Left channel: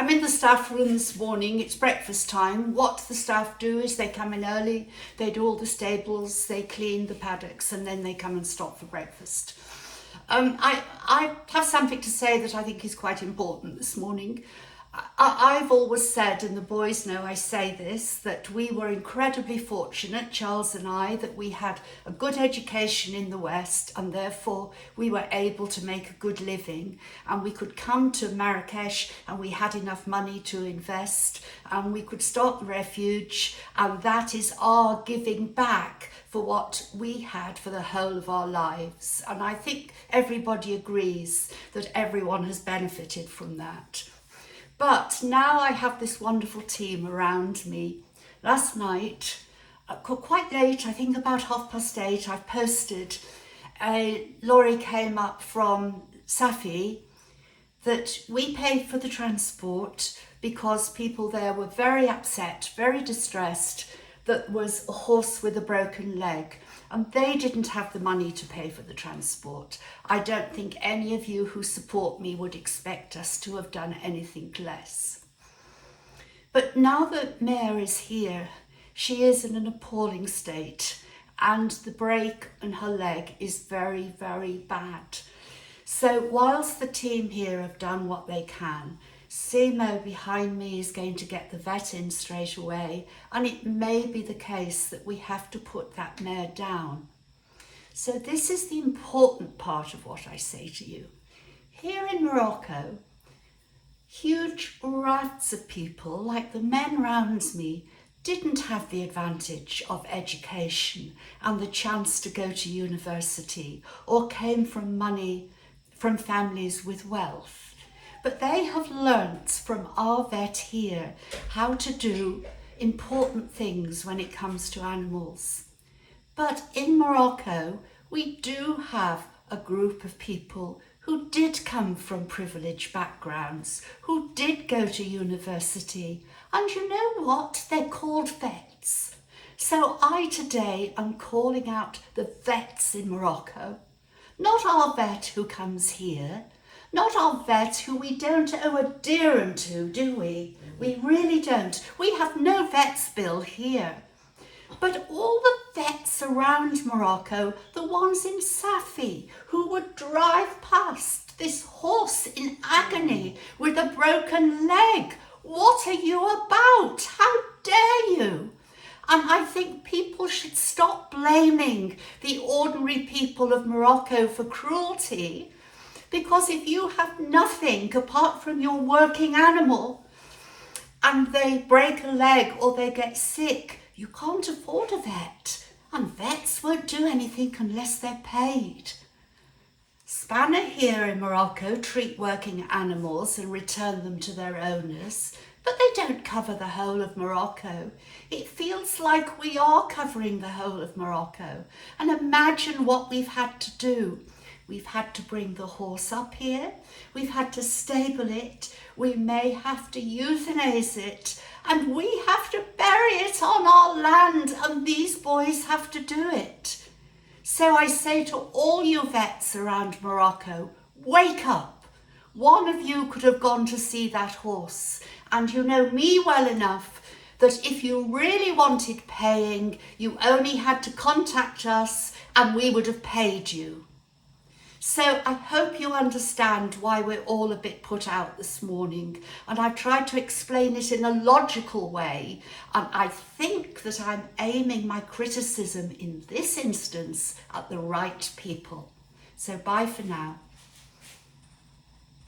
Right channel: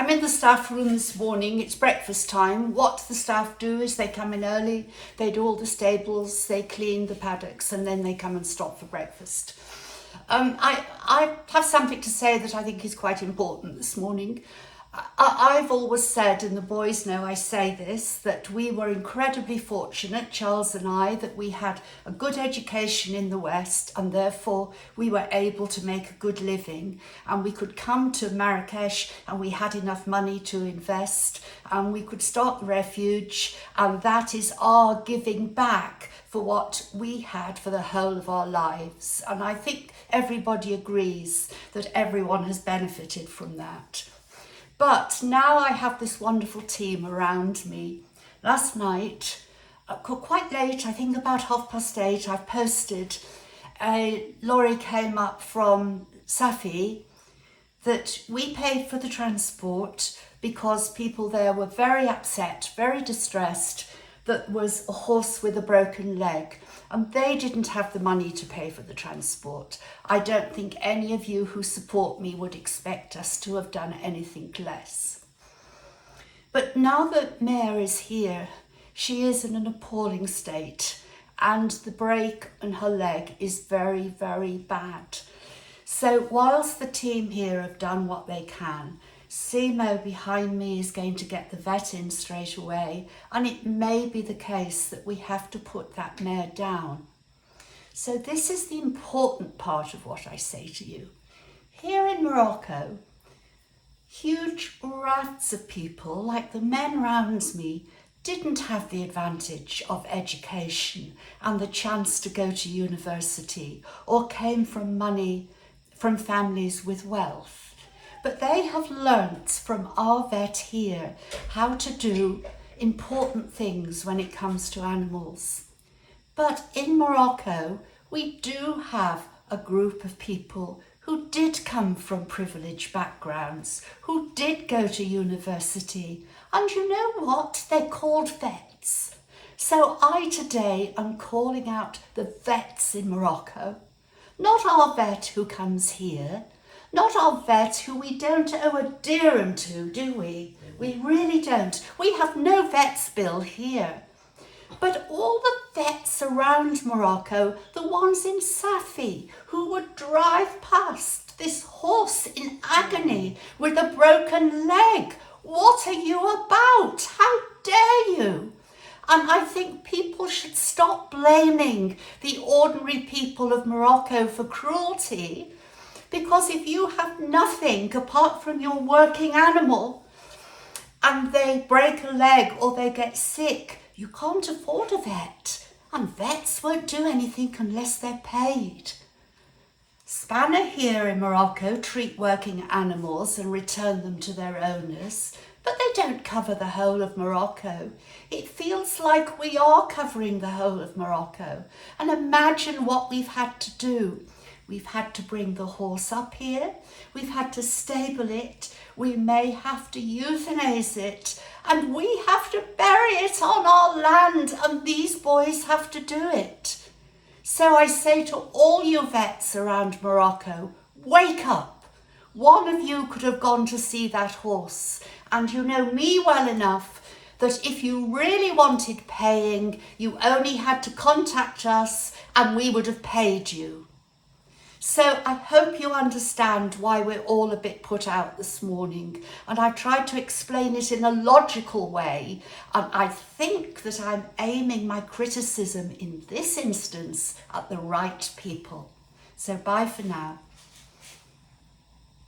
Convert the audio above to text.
I'm in the staff room this morning. It's breakfast time. What the staff do is they come in early, they do all the stables, they clean the paddocks, and then they come and stop for breakfast. I have something to say that I think is quite important this morning. I've always said, and the boys know I say this, that we were incredibly fortunate, Charles and I, that we had a good education in the West, and therefore we were able to make a good living, and we could come to Marrakesh and we had enough money to invest, and we could start the refuge, and that is our giving back for what we had for the whole of our lives. And I think everybody agrees that everyone has benefited from that. But now I have this wonderful team around me. Last night, quite late, I think about 8:30, I posted, a lorry came up from Safi that we paid for the transport because people there were very upset, very distressed, that was a horse with a broken leg, and they didn't have the money to pay for the transport. I don't think any of you who support me would expect us to have done anything less. But now that Mare is here, she is in an appalling state, and the break in her leg is very, very bad. So whilst the team here have done what they can, Simo behind me is going to get the vet in straight away, and it may be the case that we have to put that mare down. So this is the important part of what I say to you. Here in Morocco, huge rafts of people, like the men round me, didn't have the advantage of education and the chance to go to university, or came from families with wealth. But they have learnt from our vet here how to do important things when it comes to animals. But in Morocco, we do have a group of people who did come from privileged backgrounds, who did go to university, and you know what? They're called vets. So I today am calling out the vets in Morocco, not our vet who comes here, not our vet who we don't owe a dirham to, do we? We really don't. We have no vets bill here. But all the vets around Morocco, the ones in Safi, who would drive past this horse in agony with a broken leg. What are you about? How dare you? And I think people should stop blaming the ordinary people of Morocco for cruelty, because if you have nothing apart from your working animal and they break a leg or they get sick, you can't afford a vet, and vets won't do anything unless they're paid. Spanner here in Morocco treat working animals and return them to their owners, but they don't cover the whole of Morocco. It feels like we are covering the whole of Morocco. And imagine what we've had to do. We've had to bring the horse up here, we've had to stable it, we may have to euthanize it, and we have to bury it on our land, and these boys have to do it. So I say to all you vets around Morocco, wake up. One of you could have gone to see that horse, and you know me well enough that if you really wanted paying, you only had to contact us and we would have paid you. So I hope you understand why we're all a bit put out this morning, and I've tried to explain it in a logical way, and I think that I'm aiming my criticism in this instance at the right people. So bye for now.